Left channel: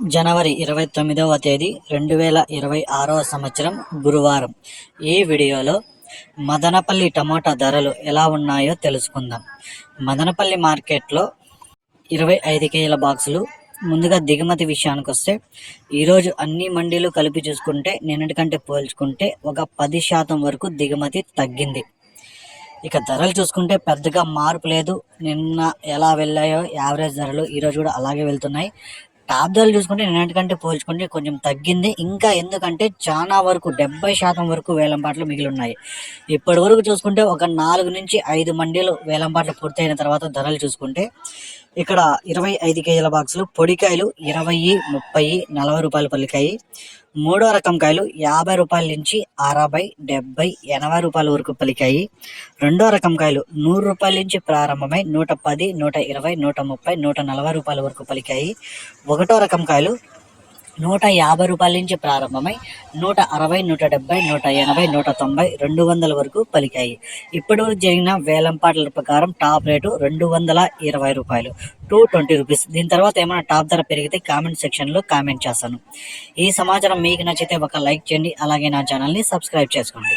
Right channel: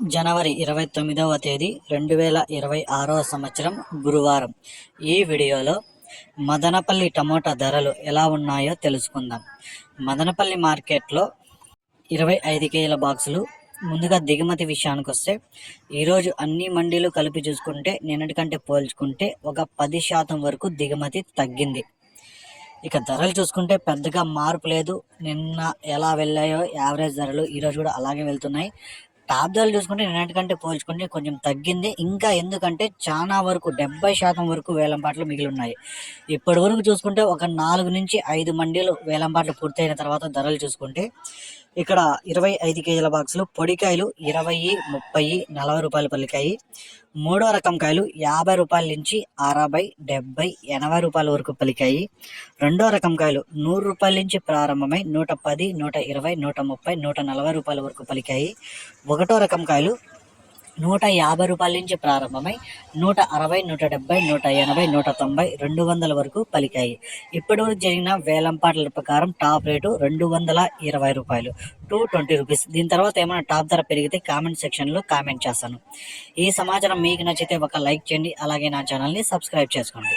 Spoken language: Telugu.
జనవరి ఇరవై తొమ్మిదవ తేదీ రెండు వేల ఇరవై ఆరవ సంవత్సరం గురువారం. ఈ వీడియోలో మదనపల్లి టమోటా ధరలు ఎలా ఉన్నాయో తెలుసుకుందాం. మదనపల్లి మార్కెట్లో ఇరవై ఐదు కేజీల బాక్సులు. ముందుగా దిగుమతి విషయానికి వస్తే ఈరోజు అన్ని మండీలు కలిపి చూసుకుంటే నిన్నటికంటే పోల్చుకుంటే ఒక పది శాతం వరకు దిగుమతి తగ్గింది. ఇక ధరలు చూసుకుంటే పెద్దగా మార్పు లేదు. నిన్న ఎలా వెళ్ళాయో యావరేజ్ ధరలు ఈరోజు కూడా అలాగే వెళ్తున్నాయి. టాప్ చూసుకుంటే నిన్నటికంటే పోల్చుకుంటే కొంచెం తగ్గింది. ఇంకా ఎందుకంటే చాలా వరకు డెబ్బై శాతం వరకు వేలంపాట్లు మిగిలి ఉన్నాయి ఇప్పటి వరకు చూసుకుంటే ఒక నాలుగు నుంచి ఐదు మండీలు వేలంపాట్లు పూర్తయిన తర్వాత ధరలు చూసుకుంటే ఇక్కడ ఇరవై ఐదు కేజీల బాక్సులు పొడికాయలు ఇరవై ముప్పై నలభై రూపాయలు పలికాయి మూడో రకం కాయలు యాభై రూపాయల నుంచి అరవై డెబ్బై ఎనభై రూపాయల వరకు పలికాయి రెండో రకం కాయలు నూరు రూపాయల నుంచి ప్రారంభమై నూట పది నూట ఇరవై నూట ముప్పై నూట నలభై రూపాయల వరకు పలికాయి ఒకటో రకం కాయలు నూట యాభై రూపాయల నుంచి ప్రారంభమై నూట అరవై నూట డెబ్బై నూట ఎనభై నూట తొంభై రెండు వందల వరకు పలికాయి. ఇప్పటి వరకు జరిగిన వేలంపాట్ల ప్రకారం టాప్ రేటు రెండు వందల ఇరవై రూపాయలు. Two twenty rupees. దీని తర్వాత ఏమైనా టాప్ ధర పెరిగితే కామెంట్ సెక్షన్లో కామెంట్ చేస్తాను. ఈ సమాచారం మీకు నచ్చితే ఒక లైక్ చేయండి. అలాగే నా ఛానల్ని సబ్స్క్రైబ్ చేసుకోండి.